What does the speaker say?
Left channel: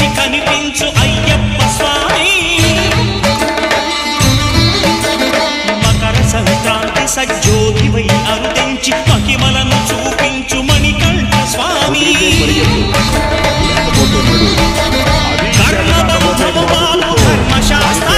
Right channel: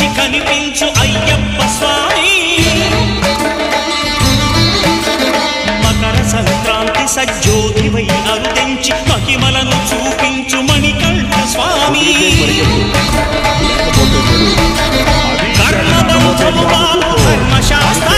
విడిచి కనిపించు అయ్యప్ప స్వామి మకర సంక్రాంతి సజ్జోతివై అరుదెంచి మహిమలను చూపించు మణికంఠ స్వామి కర్ణబంధము బాబు ధర్మశాస్త్ర